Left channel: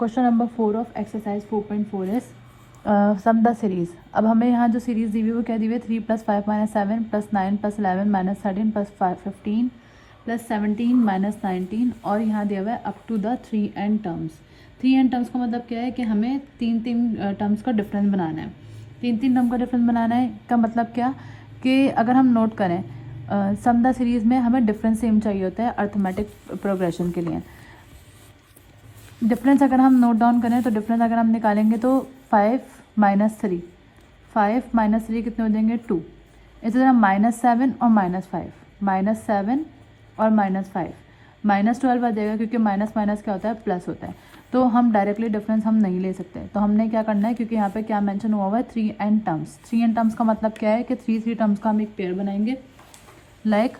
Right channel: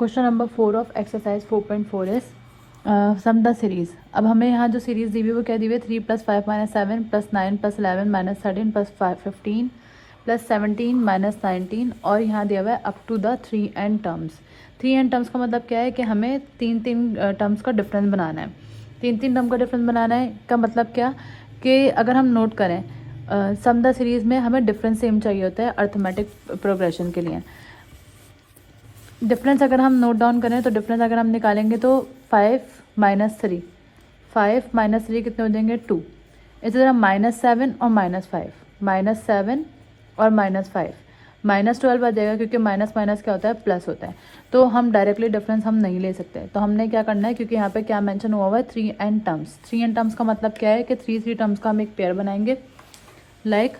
Question number 4 of exercise 4.4 is sum the series. अब हमें यहाँ जो सीरीज दी हुई वो क्या दी हुई है 3 + 5 - 7 + 9 + 11 - 13 + 15 + 17 - 19 और यहाँ दिया हुआ है up to the 3n terms. 3n terms का मतलब क्या है कि हमें तीन टर्म्स का डिफरेंस बनाना है। तीन टर्म का डिफरेंस बनाना है का मतलब क्या कि अगर हम नोट करें सम द सीरीज में हमें डिफरेंस सेम चाहिए होता है अर्थमेटिक प्रोग्रेशन के लिए। डिफरेंस अगर हम नोट डाउन करें तो डिफरेंस अगर हम निकालेंगे तो 5 - 3 5 - 3 कितने हो जाएंगे 2। इसी तरह -7 और -5 -7 और -5 -12 आ जाएगा क्योंकि माइनस माइनस क्या होता है प्लस होता है। तो हम डायरेक्टली डिफरेंस हम नहीं ले सकते, तो हमने क्या करना है क्योंकि यहाँ पे क्या मेंशन हुआ है 3n टर्म्स। 3n टर्म्स का मतलब क्या है कि 3 टर्म्स का हम एक पेयर बनाएंगे। लाइक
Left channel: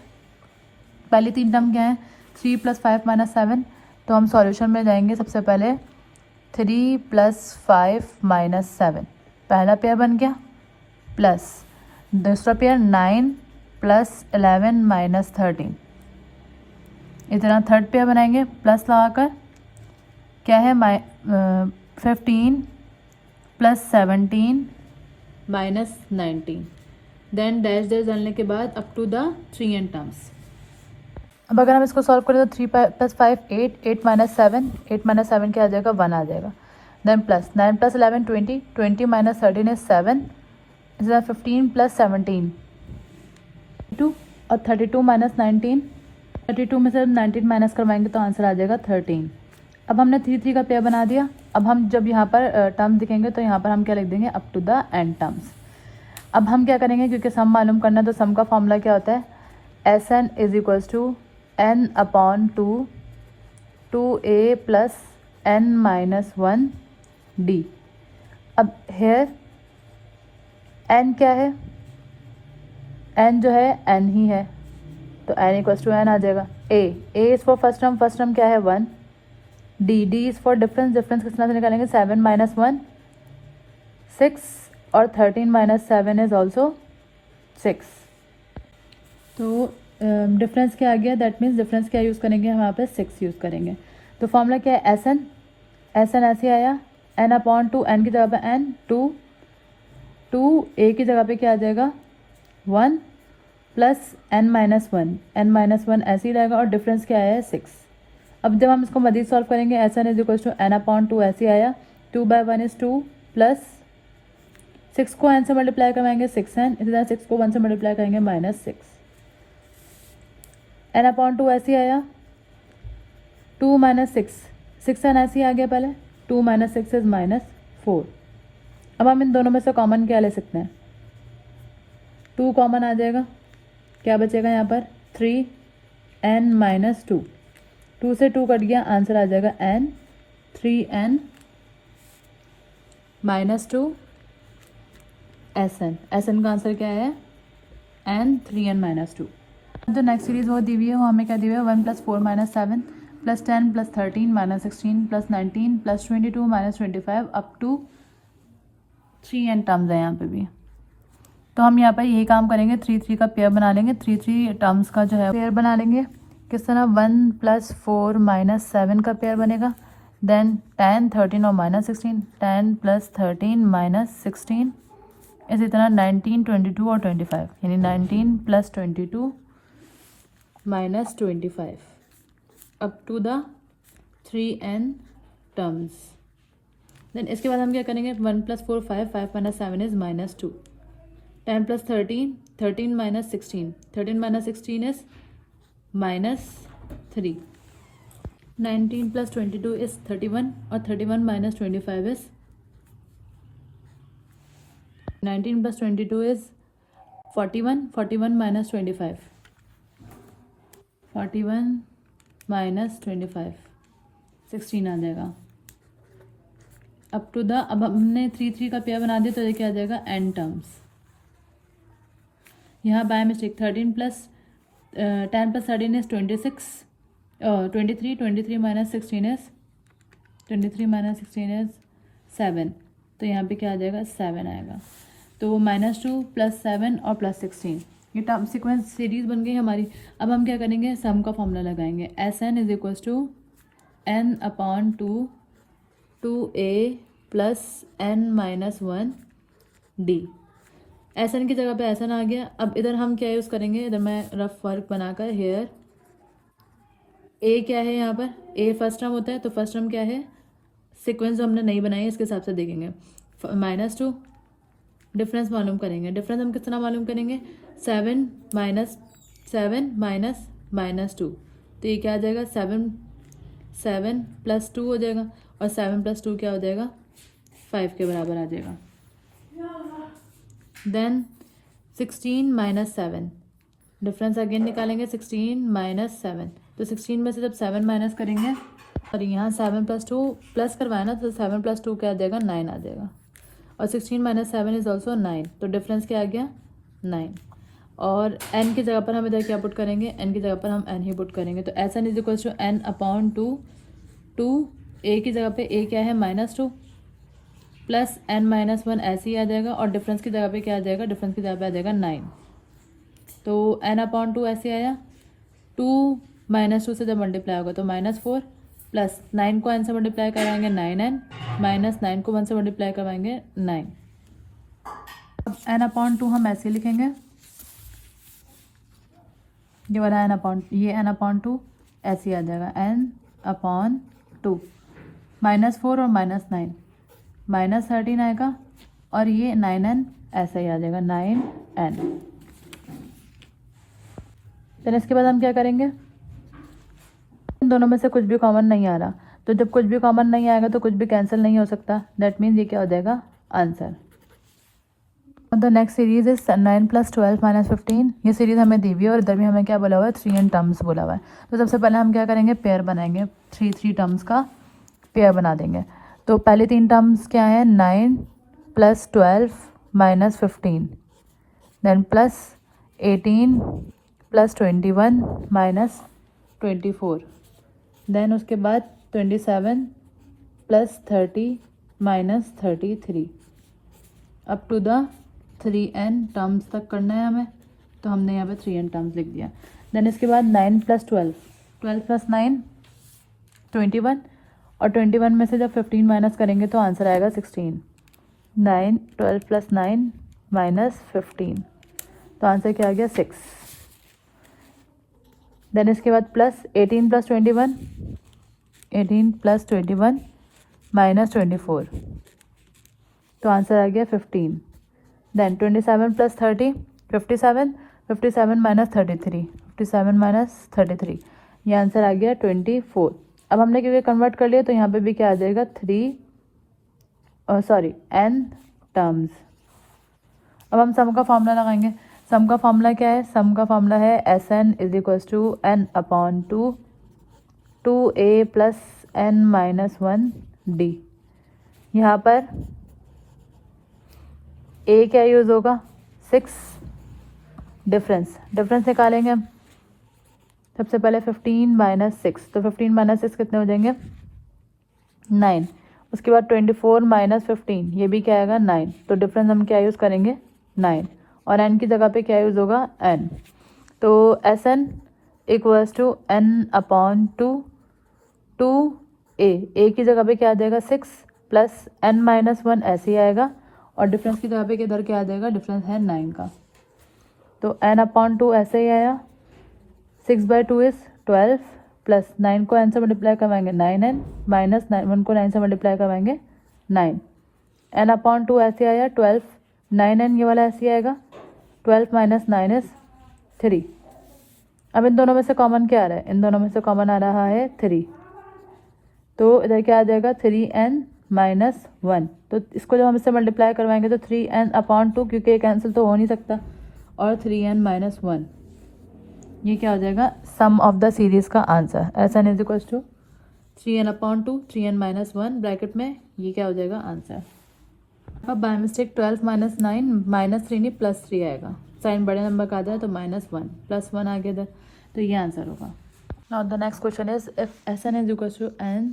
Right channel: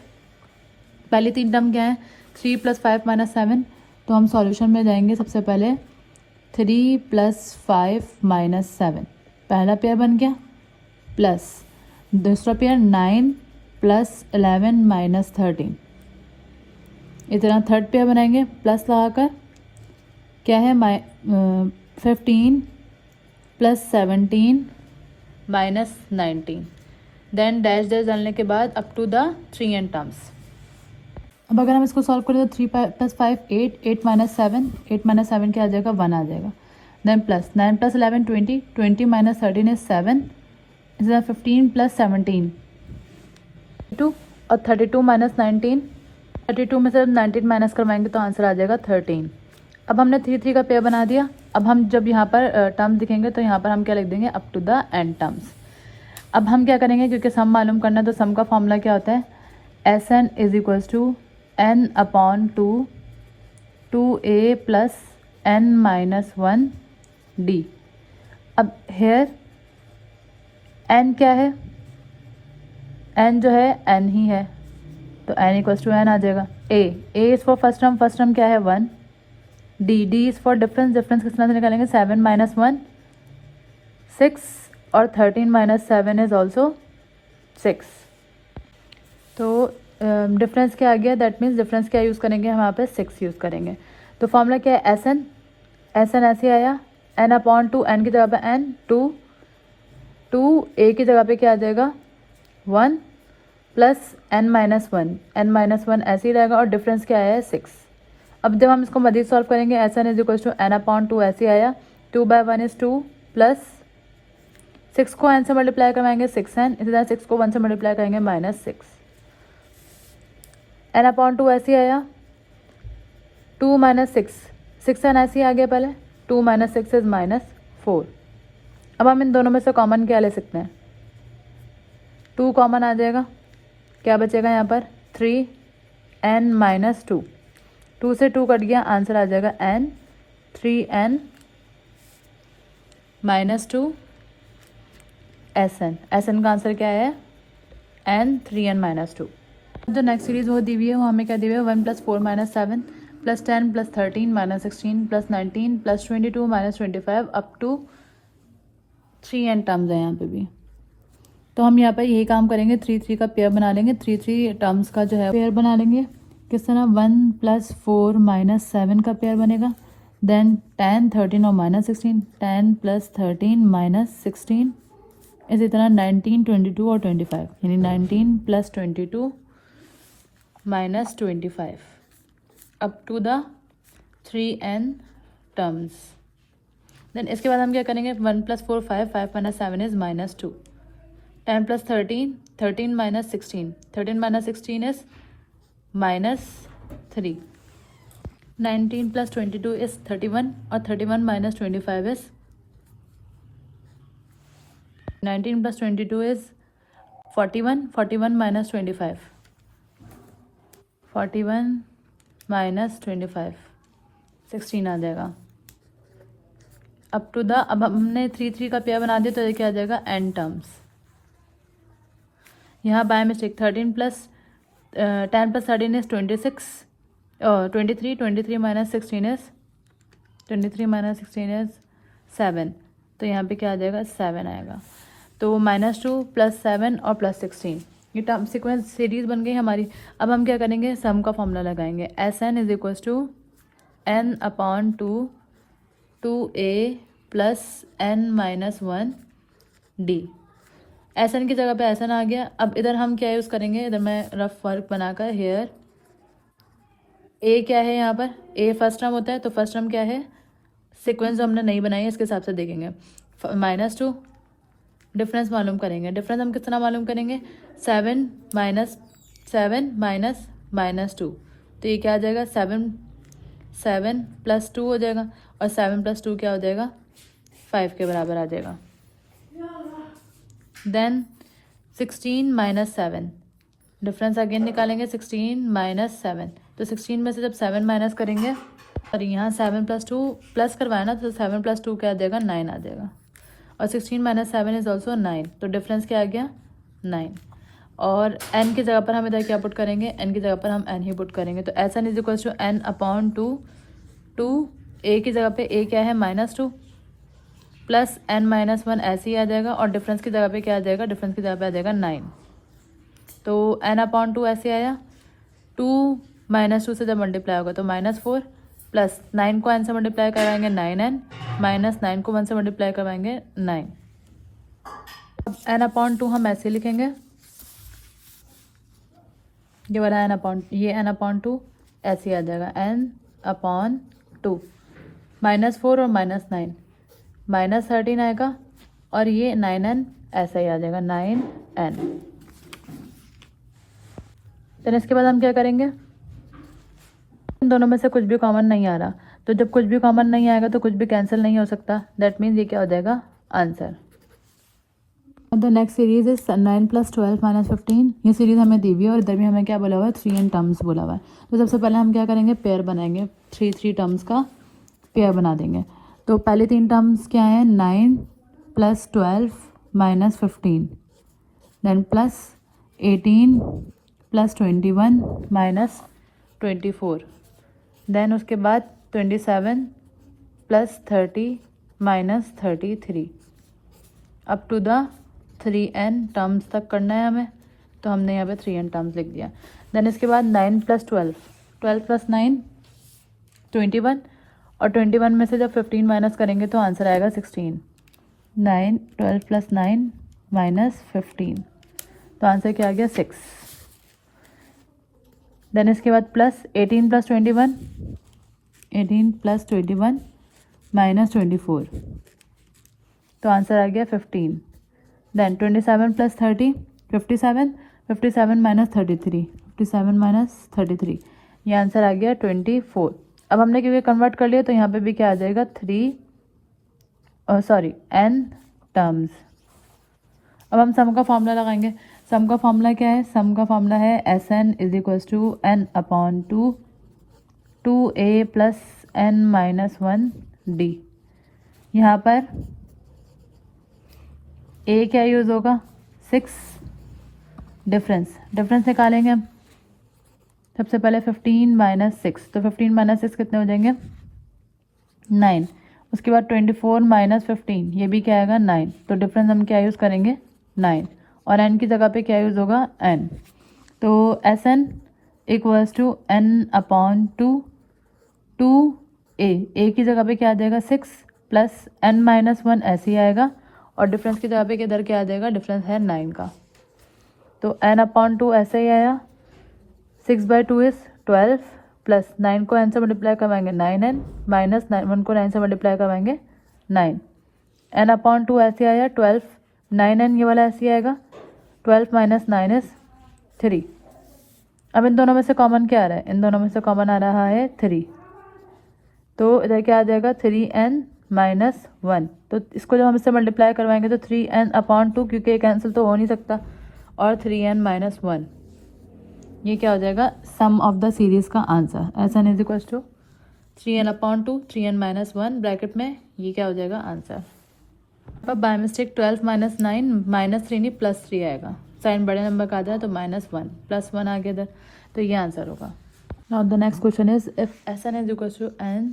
पहली 3 टर्म क्या है 3 + 5 - 7, तो हम सॉल्यूशन में जाएंगे सबसे पहले 3 + 5 - 7 पहला पेयर बन गया, प्लस दूसरा पेयर 9 + 11 - 13। इतना थर्ड पेयर बनाएंगे प्लस लगाकर क्या है 15 + 17 - 19। देन डैश डैश डालने के बाद up to the 3n terms. अब अगर हम इसको सॉल्व करें तो 3 + 5 8 8 - 7 8 - 7 क्या आ जाएगा 1 आ जाएगा। Then plus 9 + 11 20 20 - 13 is 7। इसमें 15 + 17 2 और 32 - 19 32 में से 19 माइनस करवाएंगे तो आंसर आ जाएगा 13। अब हमने 3 का पेयर बना दिया। अब हम जब यहाँ पर टर्म दिखेंगे तो यहाँ पर हम क्या लिख देंगे up to the n terms. अब हम क्या करेंगे क्योंकि सम मालूम करना है तो सम का फॉर्मूला क्या होता है Sn = n/2 2a + n - 1 d। अब हेयर n क्या है, n जो है n ही है तो n = n आ जाएगा। a is for first term क्या है 1। d इज़ फॉर डिफरेंस कितना से निकालेंगे 7 - 1 6 और 13 - 7 इज ऑल्सो 6। तो डिफरेंस क्या आ गया, दैट मीन्स डिफरेंस क्या यूज़ करेंगे हम यहाँ पे 6 यूज़ करेंगे। तो फॉर्मूला क्या है Sn ऐसे आया n/2 n की जगह पे n 2 a की जगह पे क्या आ जाएगा 1 + n - 1 ऐसे ही रहेगा और डिफरेंस क्या आया है 6। अब जब हम इसको मज़ीद सॉल्व करेंगे Sn = n/2 ऐसे आया 2/1 इज़ 2 प्लस 6 को n से मल्टीप्लाई करवाएंगे 6n, इसी तरह 6 को 1 से मल्टीप्लाई करेंगे -6। n/2 ऐसे आया 2 - 6 6n ऐसे ही आ गया पहले 2 - 6 इज -4। अब हम इन दोनों में से कॉमन क्या ले सकते हैं 2 कॉमन आ जाएगा, क्या बचेगा यहाँ पर 3n - 2 2 से 2 कट गया आंसर आ जाएगा n 3n - 2 Sn का आंसर क्या है n 3n - 2। जो नेक्स्ट सीरीज वो दी हुई है वो हमें क्या दी हुई है 1 + 4 - 7 + 10 + 13 - 16 + 19 + 22 - 25 अप टू 3n टर्म्स है यहाँ पे भी। तो हम यहाँ पर यही काम करेंगे 3 का पेयर बना लेंगे। 3 टर्म्स का जो है पेयर बना लेंगे किस तरह 1 + 4 - 7 का पेयर बनेगा। देन 10 13 और -16 10 + 13 - 16 इसी तरह 19 22 और 25 यानी 19 + 22 - 25 up to the 3n terms. Then इसके बाद हम क्या करेंगे 1 + 4 5 5 - 7 इज -2 10 + 13 13 - 16 13 - 16 इज -3 19 + 22 इज 31 और 31 - 25 इज 19 + 22 इज 41 41 - 25 41 - 25 16 आ जाएगा अप टू द। अब हमने 3 का पेयर बना दिया तो ये क्या आ जाएगा n टर्म्स। यहाँ by mistake 13 + 10 + 13 is 26 23 23 - 16 is 23 - 16 is 7 तो यहाँ पे क्या आ जाएगा 7 आएगा। तो -2 + 7 और +16 ये टर्म सीक्वेंस सीरीज बन गई हमारी। अब हम क्या करेंगे सम का फॉर्मूला लगाएंगे Sn = n/2 2a plus n minus 1 d। S n की जगह पे एस एन आ गया। अब इधर हम क्या यूज़ करेंगे, इधर मैं रफ वर्क बनाकर हेयर ए क्या है यहाँ पर, ए फर्स्ट टर्म होता है, तो फर्स्ट टर्म क्या है, सीक्वेंस जो हमने नहीं बनाई है इसके हिसाब से देखेंगे। -2 डिफरेंस मालूम करेंगे। डिफरेंस हम किस तरह मालूम करेंगे, 7 माइनस 2, तो ये क्या आ जाएगा, 7 प्लस 2 हो जाएगा, और 7 प्लस 2 क्या हो जाएगा, 5 के बराबर आ जाएगा। देन 16 माइनस 7, डिफरेंस अगेन निकालेंगे, 16 माइनस 7, तो 16 में से जब 7 माइनस करेंगे, और यहाँ 7 प्लस 2 प्लस करवाया ना, तो 7 प्लस 2 क्या आ जाएगा, 9 आ जाएगा, और 16 माइनस 7 इज ऑल्सो 9, तो डिफरेंस क्या आ गया, 9। और n की जगह पर हम इधर क्या पुट करेंगे, n की जगह पर हम n ही पुट करेंगे, तो S n is equal to n upon 2 a की जगह पे a क्या है, -2 प्लस n माइनस 1 ऐसे ही आ जाएगा, और डिफरेंस की जगह पे क्या आ जाएगा, डिफरेंस की जगह पे आ जाएगा 9, तो n अपॉन 2 ऐसे आया। 2 माइनस 2 से जब मल्टीप्लाई होगा तो -4 प्लस 9 को n से मल्टीप्लाई करवाएंगे 9n माइनस 9 को 1 से मल्टीप्लाई करवाएंगे 9। अब n अपॉन 2 हम ऐसे लिखेंगे, ये वाला n अपॉन 2 ऐसे आ जाएगा, n अपॉन 2 -4 और -9 -13 आएगा, और ये 9n ऐसा ही आ जाएगा, 9n। देन इसके बाद हम क्या करेंगे, इन दोनों में से कुछ भी कॉमन नहीं आ रहा, तो जब कुछ भी कॉमन नहीं आएगा तो कुछ भी कैंसिल नहीं हो सकता, दैट मीन्स ये क्या हो जाएगा, answer. The next series is 9 + 12 - 15। ये सीरीज हमें दी हुई है, और इधर भी हमें क्या बोला हुआ है, 3n टर्म्स बोला हुआ है। तो सबसे पहले हम क्या करेंगे, पेयर बनाएंगे, 3 टर्म्स का पेयर बना देंगे। तो पहले 3 टर्म्स क्या है, 9 + 12 - 15, देन प्लस 18 + 21 - 24, देन उसके बाद 27 + 30 - 33 up to the 3n terms तक करना है हमें, तो हमने यहाँ पे 3n टर्म्स लिख दिया। देन इसके बाद 9 + 12, 12 + 9 21, और 21 में से जब 15 माइनस करेंगे तो आंसर आएगा 16। 9 12 + 9 - 15, तो आंसर क्या आ गया, 6। देन इसके बाद प्लस 18 + 21, 18 + 21 - 24, तो आंसर आ गया 15। देन 27 + 30 57, 57 - 33, 57 - 33, ये आंसर आ गया 24। अब हमने क्योंकि कन्वर्ट कर लिया तो यहाँ पे भी क्या आ जाएगा, n टर्म्स। अब हम सम का फॉर्मूला लगाएंगे। सम का फॉर्मूला क्या है, सम का फॉर्मूला है Sn = n upon 2a + n - 1 d। यहाँ पर a क्या यूज़ होगा, 6, डिफरेंस निकालेंगे हम। सबसे पहले 15 - 6, तो 15 - 6 कितने हो जाएंगे, 9। उसके बाद 24 - 15, ये भी क्या आएगा, 9, तो डिफरेंस हम क्या यूज़ करेंगे, 9, और n की जगह पे क्या यूज़ होगा, n। तो Sn = n अपॉन 2a की जगह पे क्या आ जाएगा, 6 प्लस n - 1 ऐसे ही आएगा, और डिफरेंस की जगह पे किधर क्या आ जाएगा, डिफरेंस है 9 का, तो n अपॉन 2 ऐसे ही आया। 6/2 इज 12, प्लस 9 को n से मल्टीप्लाई करवाएंगे 9n, माइनस 1 को 9 से मल्टीप्लाई करवाएंगे 9, n अपॉन 2 ऐसे आया 12, 9n ये वाला ऐसे आएगा, 12 - 9 इज 3। अब इन दोनों में से कॉमन क्या आ रहा है, इन दोनों में से कॉमन आ रहा है 3, तो इधर क्या आ जाएगा, 3n - 1, तो इसको जब हम इससे मल्टीप्लाई करवाएंगे तो 3n अपॉन 2, क्योंकि कैंसिल तो हो नहीं सकता, और 3n - 1, ये क्या हो जाएगा, सम ऑफ द सीरीज का answer. Sn = 3n upon 2 3n - 1 bracket में, ये क्या हो जाएगा, आंसर। अब बाय मिस्टेक 12 - 9 -3 नहीं +3 आएगा, साइन बड़े नंबर का आ जाए तो -1 +1 आ गया इधर, तो ये आंसर होगा। Now the next question is if Sn = n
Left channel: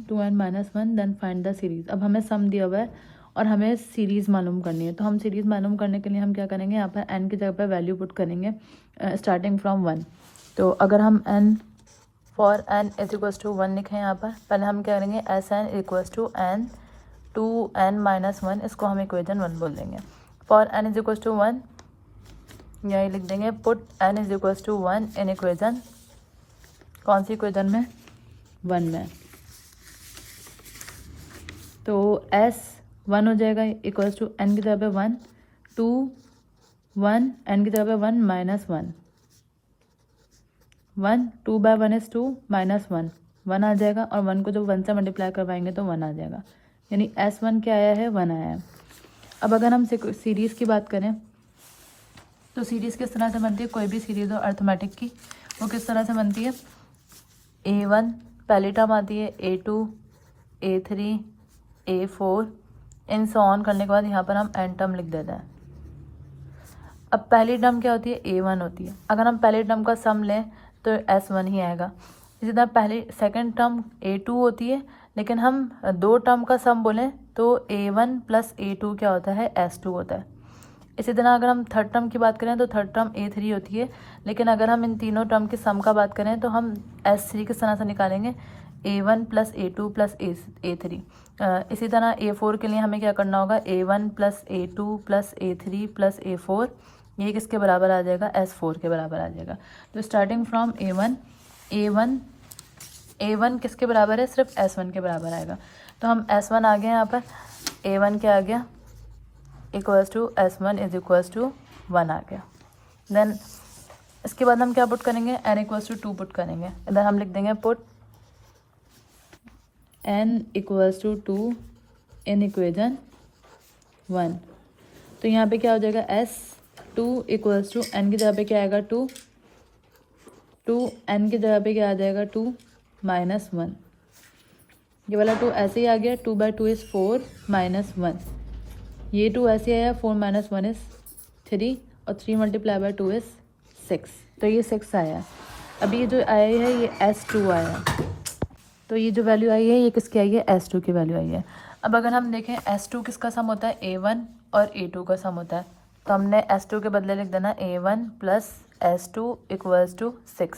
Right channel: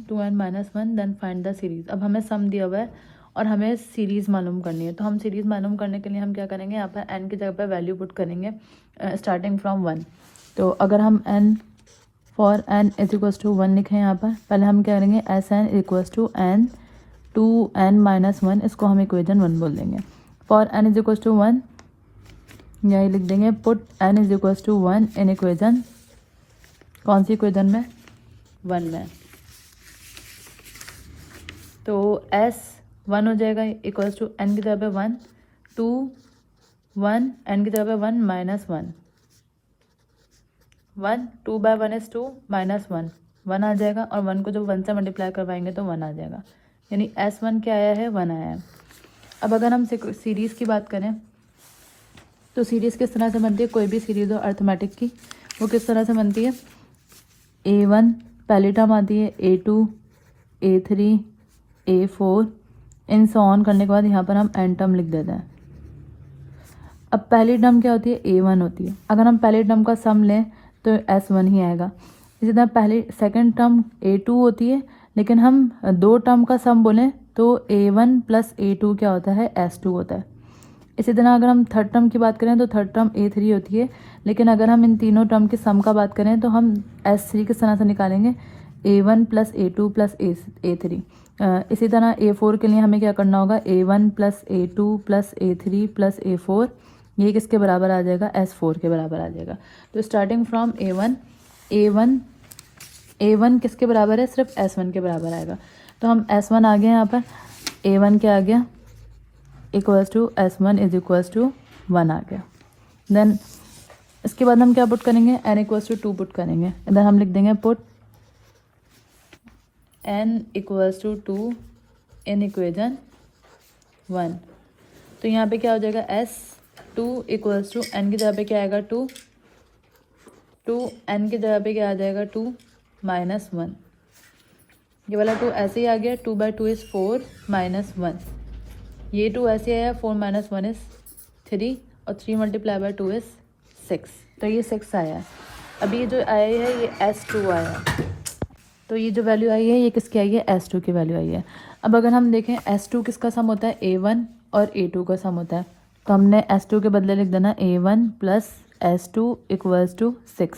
2n - 1 then find the series. अब हमें सम दिया हुआ है और हमें सीरीज़ मालूम करनी है, तो हम सीरीज़ मालूम करने के लिए हम क्या करेंगे, यहाँ पर n की जगह पर वैल्यू पुट करेंगे स्टार्टिंग फ्रॉम 1। तो अगर हम n फॉर n = 1 लिखें यहाँ पर, पहले हम क्या करेंगे, Sn = n 2n-1, इसको हम इक्वेशन 1 बोल देंगे। For n is equals to 1, यही लिख देंगे put n is equals to 1 in equation, कौन सी इक्वेशन में, 1 में। तो s 1 हो जाएगा इक्वल्स टू n की जगह पे 1, 2 1 n की जगह पे 1 माइनस 1, 1 2 बाय 1 इज 2 माइनस 1, 1 आ जाएगा, और 1 को जब 1 से मल्टीप्लाई करवाएंगे तो 1 आ जाएगा, यानी s1 क्या आया है, 1 आया है। अब अगर हम सीरीज़ की बात करें तो सीरीज़ किस तरह से बनती है, कोई भी सीरीज़ हो अर्थमेटिक की, वो किस तरह से बनती है, a1 पहली टर्म आती है, a2 a3 a4 in so on करने के बाद यहाँ पर हम n टर्म लिख देते हैं। अब पहली टर्म क्या होती है, a1 होती है, अगर हम पहली टर्म का सम लें तो s1 ही आएगा। इसी तरह पहली सेकंड टर्म a2 होती है, लेकिन हम दो टर्म का सम बोलें तो a1 प्लस a2 क्या होता है, s2 होता है। इसी तरह अगर हम थर्ड टर्म की बात करें तो थर्ड टर्म a3 होती है, लेकिन अगर हम इन तीनों टर्म के सम का बात करें तो हम s3 किस तरह से निकालेंगे, a1 plus a2 plus a3। इसी तरह a4 के लिए हमें क्या करना होगा, a1 plus a2 plus a3 plus a4, ये किसके बराबर आ जाएगा, s4 के बराबर आ जाएगा। तो स्टार्टिंग फ्रॉम a1 किसके बराबर है, सिर्फ s1 के बराबर आएगा। तो हम s1 आ गए यहाँ पर, a1 क्या आ गया, equals to s1 is equals to 1 आ गया। देन इसके बाद हम क्या पुट करेंगे, n इक्वल्स टू 2 पुट करेंगे। इधर हम लिख देंगे put n equals to 2 in equation 1। तो यहाँ पे क्या हो जाएगा, s2 इक्वल्स टू n की जगह पे क्या आएगा, 2 n की जगह पे क्या आ जाएगा, 2 माइनस 1। ये वाला 2 ऐसे ही आ गया, 2 बाई 2 इज 4 माइनस 1, ये 2 ऐसे आया, 4 माइनस 1 इज 3, और 3 मल्टीप्लाई बाई 2 इज 6, तो ये 6 आया। अभी ये जो आया है ये s2 आया, तो ये जो वैल्यू आई है ये किसकी आई है, s2 की वैल्यू आई है। अब अगर हम देखें s2 किसका सम होता है, a1 और a2 का सम होता है, तो हमने s2 के बदले लिख देना a1 plus s2 equals to 6।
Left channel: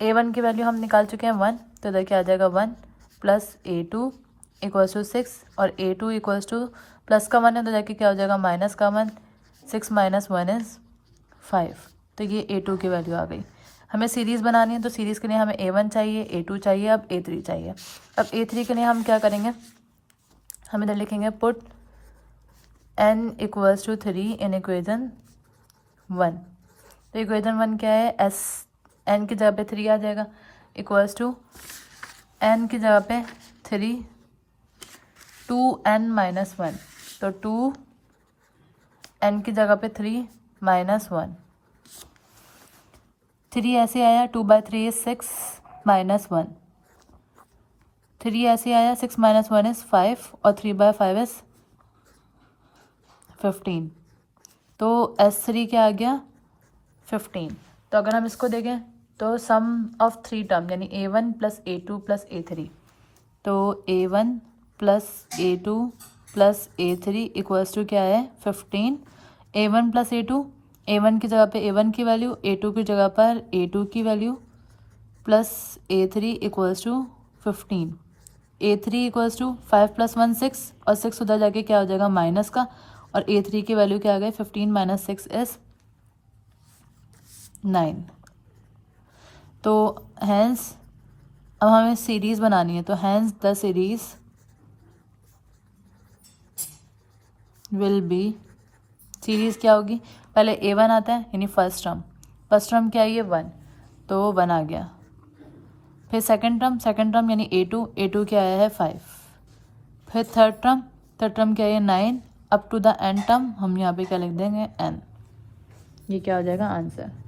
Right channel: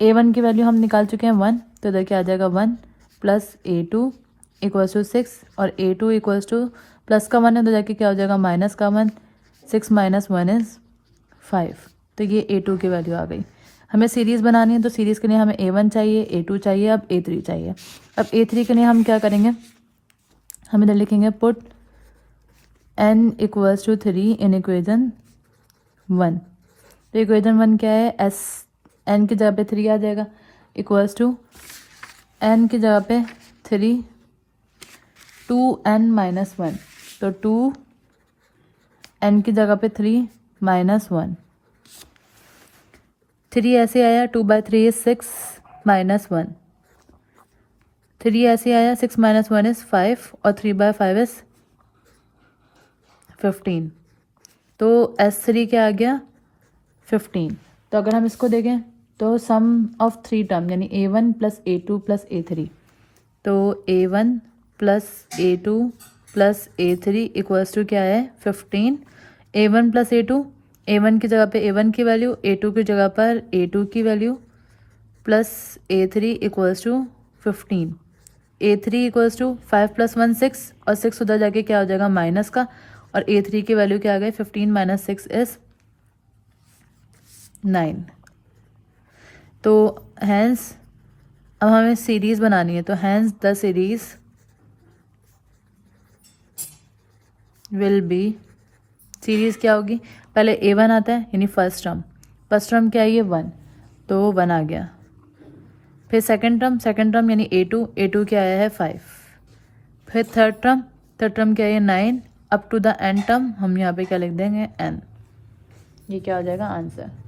a1 की वैल्यू हम निकाल चुके हैं 1, तो इधर क्या आ जाएगा, 1 प्लस a2 इक्वल्स टू 6, और a2 इक्वल्स टू प्लस का 1 है तो जाके क्या हो जाएगा, माइनस का 1, 6 माइनस 1 इज 5। तो ये a2 की वैल्यू आ गई। हमें सीरीज़ बनानी है तो सीरीज़ के लिए हमें a1 चाहिए, a2 चाहिए, अब a3 चाहिए। अब a3 के लिए हम क्या करेंगे, हम इधर लिखेंगे put n equals to 3 in equation 1। तो इक्वेशन 1 क्या है, n की जगह पे 3 आ जाएगा, इक्वल्स टू n की जगह पे 3 2n माइनस 1, तो 2n की जगह पे 3 माइनस 1, 3 ऐसे आया, 2 बाई 3 इज 6 माइनस 1, 3 ऐसे आया, 6 माइनस 1 इज 5, और 3 बाई 5 इज 15। तो s3 क्या आ गया, 15। तो अगर हम इसको देखें तो सम ऑफ 3 टर्म यानी a1 plus a2 plus a3, तो a1 plus a2 plus a3 equals to क्या है, 15। a1 प्लस a2, a1 की जगह पे a1 की वैल्यू, a2 की जगह पर a2 की value, plus a3 equals to 15। a3 equals to 5 plus 1 6, और 6 उधर जाके क्या हो जाएगा, माइनस का, और a3 की वैल्यू क्या आ गई, 15 माइनस 6 इज 9। तो हैंस अब हमें सीरीज़ बनानी है, तो hence the series will be, series क्या होगी, पहले a1 आता है यानी फर्स्ट टर्म क्या है, ये 1, तो 1 आ गया। फिर सेकंड टर्म यानी a2 क्या आया है, 5। फिर थर्ड टर्म क्या है, 9, up to the n term हम यहाँ पे क्या लिख देंगे, n। ये क्या हो जाएगा आंसर।